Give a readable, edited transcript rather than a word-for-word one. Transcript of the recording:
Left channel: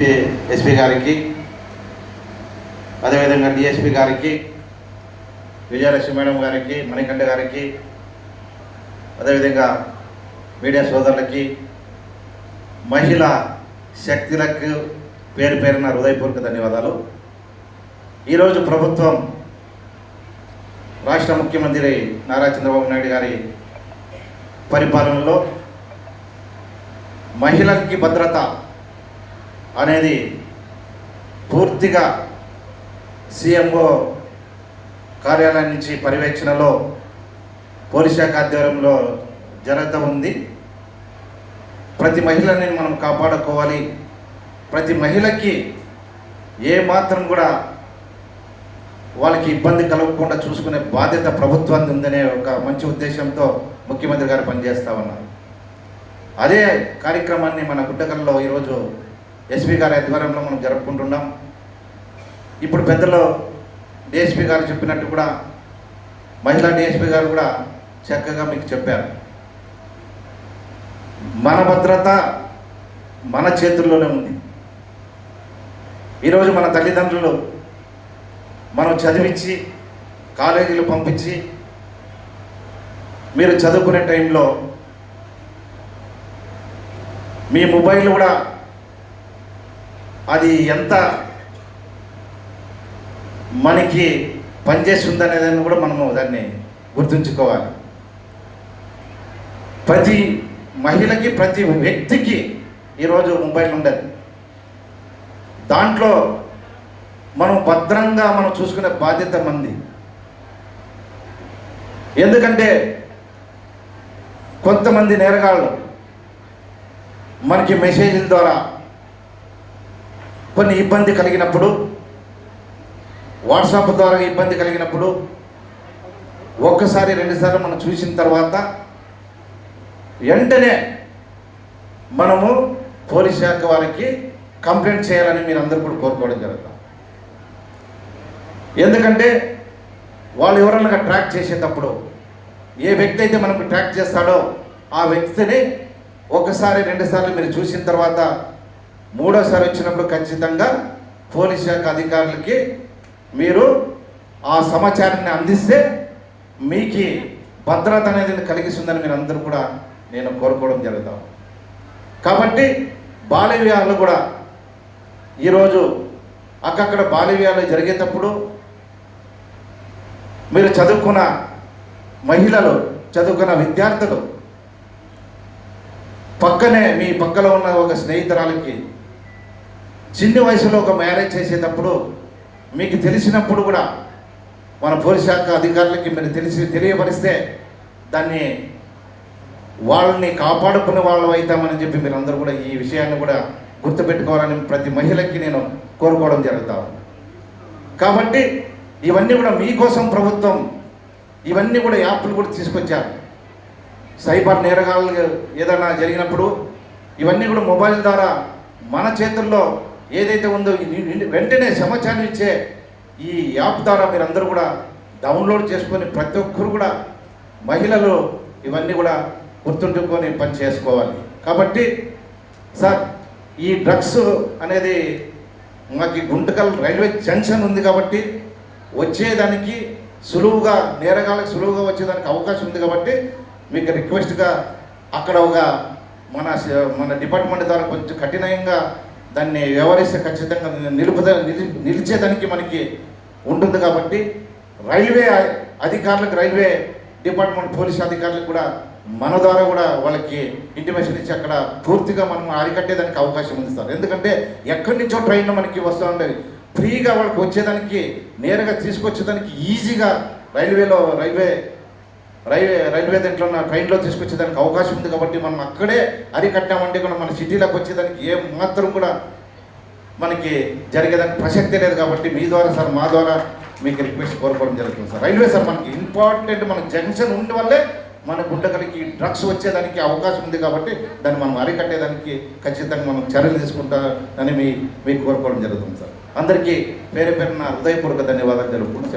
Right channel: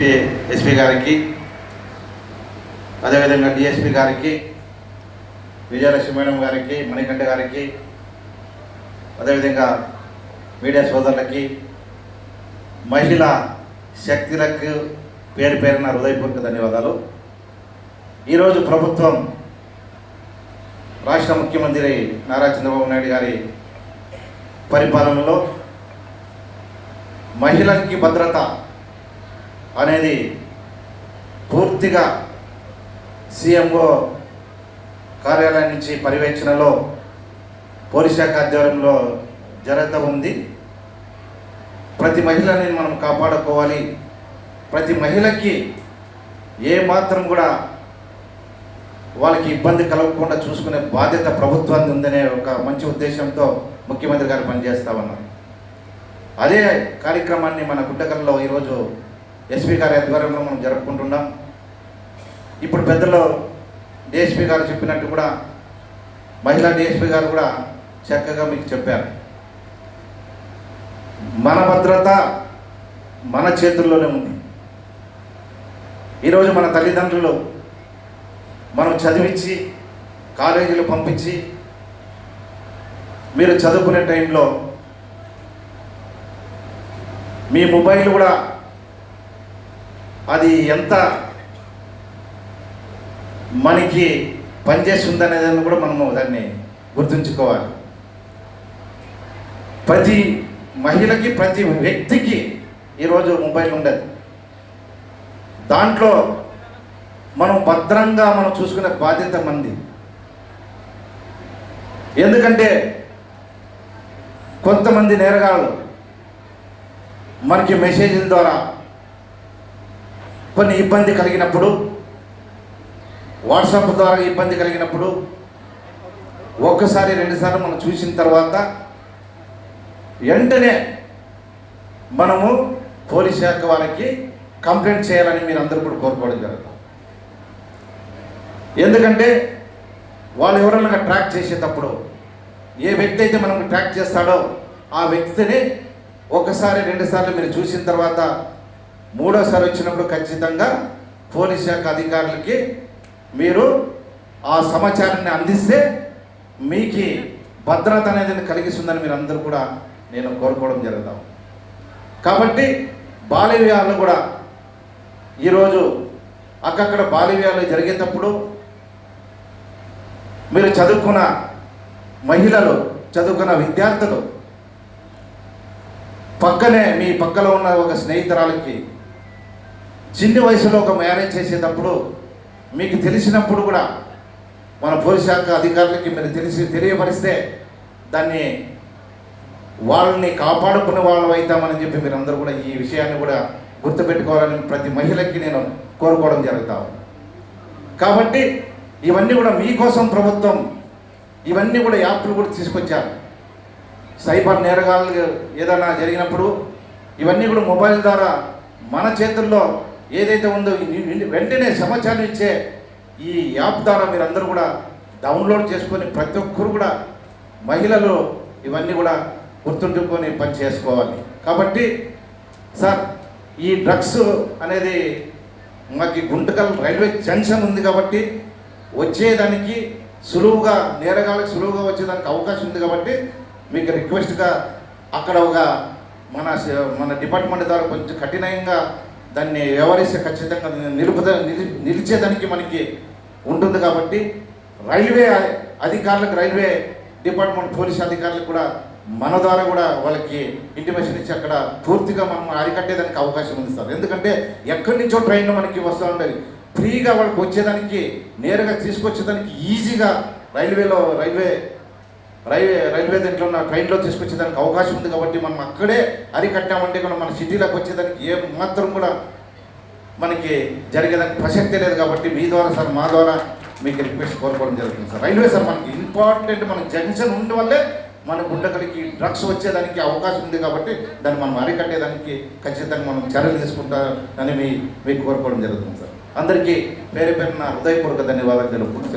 SP గారికి, అదేవిధంగా DSP గారికి, విజయలక్ష్మి మేడం గారికి, మణికంఠ గారికి, అదేవిధంగా మీడియా సోదరులకి, మహిళా శక్తులకు పేరు పేరున హృదయపూర్వక ధన్యవాదాలు. ఈరోజు ప్రభుత్వం రాష్ట్ర ముఖ్యమంత్రి నారా చంద్రబాబు నాయుడు గారి పరిపాలనలో మహిళలకి భద్రత అనేది పూర్తిగా సీఎంఓ కార్యాలయం నుంచి పర్యవేక్షణలో పోలీస్ శాఖ ఆధ్వర్యంలో జరుగుతూ ఉంది. ప్రతి మహిళని మనం కాపాడుకోవాలి. ప్రతి మహిళకి ఏ మాత్రం కూడా వాళ్ళకి ఇబ్బంది కలగకుండా చూసుకునే బాధ్యత ప్రభుత్వానికి ఉందనే ఒక మంచి ఉద్దేశంతో ముఖ్యమంత్రి గారు పనిచేస్తూ ఉన్నారు. అదే కార్యక్రమాన్ని మన గుంటకల్లో ఈరోజు ఎస్పీ గారి ఆధ్వర్యంలో మనం జరుపుకుంటున్నాం. ఇప్పుడు పెద్దలు డిఎస్పీ గారు చెప్పినట్టు కూడా మహిళా డిఎస్పీ గారు కూడా చక్కగా మీకు చెప్పారు. మన భద్రత మన చేతుల్లోనే ఉంది. ఈరోజు మన తల్లిదండ్రులు మనం చదివించి కాలేజీలు పంపించి మీరు చదువుకునే టైంలో మీ మొబైల్ కూడా అది ఎంత మనకి పనిచేస్తుందనేది కూడా మనము దాన్ని గుర్తుంచుకోవాలి. ప్రతి మహిళకి, ప్రతి వ్యక్తికి ఈరోజు మొబైల్ ఉండదు. దాంట్లో మనం భద్రంగా మనం చూసుకునే బాధ్యత మంది. ఎందుకంటే కొంతమంది నేరగాళ్ళు మనకి మెసేజ్ల ద్వారా కొన్ని ఇబ్బంది కలిగినప్పుడు, వాట్సాప్ ద్వారా ఇబ్బంది కలిగినప్పుడు ఒక్కసారి రెండుసార్లు మనం చూసిన తర్వాత వెంటనే మనము పోలీస్ శాఖ వాళ్ళకి కంప్లైంట్ చేయాలని మీరు అందరూ కూడా కోరుకోవడం జరుగుతుంది. ఎందుకంటే వాళ్ళు ఎవరైనా ట్రాక్ చేసేటప్పుడు ఏ వ్యక్తి అయితే మనకు ట్రాక్ చేస్తాడో ఆ వ్యక్తిని ఒకసారి రెండుసార్లు మీరు చూసిన తర్వాత మూడోసారి వచ్చినప్పుడు ఖచ్చితంగా పోలీస్ శాఖ అధికారులకి మీరు ఆ సమాచారాన్ని అందిస్తే మీకు భద్రత అనేది కలిగిస్తుందని మీరు అందరూ కూడా నేను కోరుకోవడం జరుగుతాం. కాబట్టి బాల్య వివాహాలు కూడా ఈరోజు అక్కడక్కడ బాల్య వివాహాలు జరిగేటప్పుడు మీరు చదువుకున్న మహిళలు, చదువుకున్న విద్యార్థులు పక్కనే మీ పక్కలో ఉన్న ఒక స్నేహితురాలకి చిన్న వయసులో ఒక మ్యారేజ్ చేసేటప్పుడు మీకు తెలిసినప్పుడు కూడా మన పోలీస్ శాఖ అధికారులకి మీరు తెలియపరిస్తే దాన్ని వాళ్ళని కాపాడుకునే వాళ్ళు అవుతామని చెప్పి మీరు అందరూ కూడా ఈ విషయాన్ని కూడా గుర్తుపెట్టుకోవాలని ప్రతి మహిళకి నేను కోరుకోవడం జరుగుతాను. కాబట్టి ఇవన్నీ కూడా మీకోసం ప్రభుత్వం ఇవన్నీ కూడా యాప్లు కూడా తీసుకొచ్చారు. సైబర్ నేరగాళ్ళు ఏదైనా జరిగినప్పుడు ఇవన్నీ కూడా మొబైల్ ద్వారా మన చేతుల్లో ఏదైతే ఉందో వెంటనే సమాచారం ఇచ్చే ఈ యాప్ ద్వారా మీరు అందరూ కూడా డౌన్లోడ్ చేసుకొని ప్రతి ఒక్కరు కూడా మహిళలు ఇవన్నీ కూడా గుర్తుంచుకొని పని చేసుకోవాలి. కాబట్టి సార్, ఈ డ్రగ్స్ అనేది మాకు గుంటకల్ రైల్వే జంక్షన్ ఉంది కాబట్టి వచ్చేదానికి సులువుగా, నేరగాళ్ళకి సులువుగా వచ్చేదానికి అవకాశం ఉంది. కాబట్టి మీకు రిక్వెస్ట్గా అక్కడ ఒక మన డిపార్ట్మెంట్ ద్వారా కొంచెం కఠినంగా దాన్ని వ్యవహరిస్తే ఖచ్చితంగా నిలిచేదానికి మనకి ఉంటుంది. కాబట్టి రైల్వే అధికారులకు, రైల్వే డిపార్ట్మెంట్ పోలీస్ అధికారులకు కూడా మన ద్వారా కూడా వాళ్ళకి ఇంటిమేషన్ ఇచ్చి అక్కడ పూర్తిగా మనం అరికట్టేదానికి అవకాశం ఉంది సార్. ఎందుకంటే ఎక్కడి నుంచో ట్రైన్లో మనకి వస్తూ ఉండేది, ఫ్రీగా వాళ్ళకి వచ్చేదానికి, నేరుగా తీసుకొచ్చేదానికి ఈజీగా రైల్వే దీంట్లో ఉన్న ట్రైన్లో తీసుకొచ్చేదానికి అవకాశం ఉంది. కాబట్టి మనం అక్కడే అరికట్టామంటే కూడా మన సిటీలోకి వచ్చేదానికి ఏ మాత్రం కూడా మనకి జరిగేదానికి ప్రసక్తే లేదు. కాబట్టి మీ ద్వారా సార్, మా ద్వారా మీకు రిక్వెస్ట్ కోరుకోవడం జరుగుతుంది సార్. రైల్వే సార్ మనకి ఇంపార్టెంట్, మన జంక్షన్ ఉండి వల్లే మన గుంటకలికి డ్రగ్స్ వచ్చేదానికి అవకాశం ఉంది. కాబట్టి దాన్ని మనం అరికట్టేదానికి ఖచ్చితంగా మనం చర్యలు తీసుకుంటామని మీకు కోరుకోవడం జరుగుతుంది సార్. అందరికీ పేరు పేరున హృదయపూర్వక ధన్యవాదాలు తెలుపుకుంటూ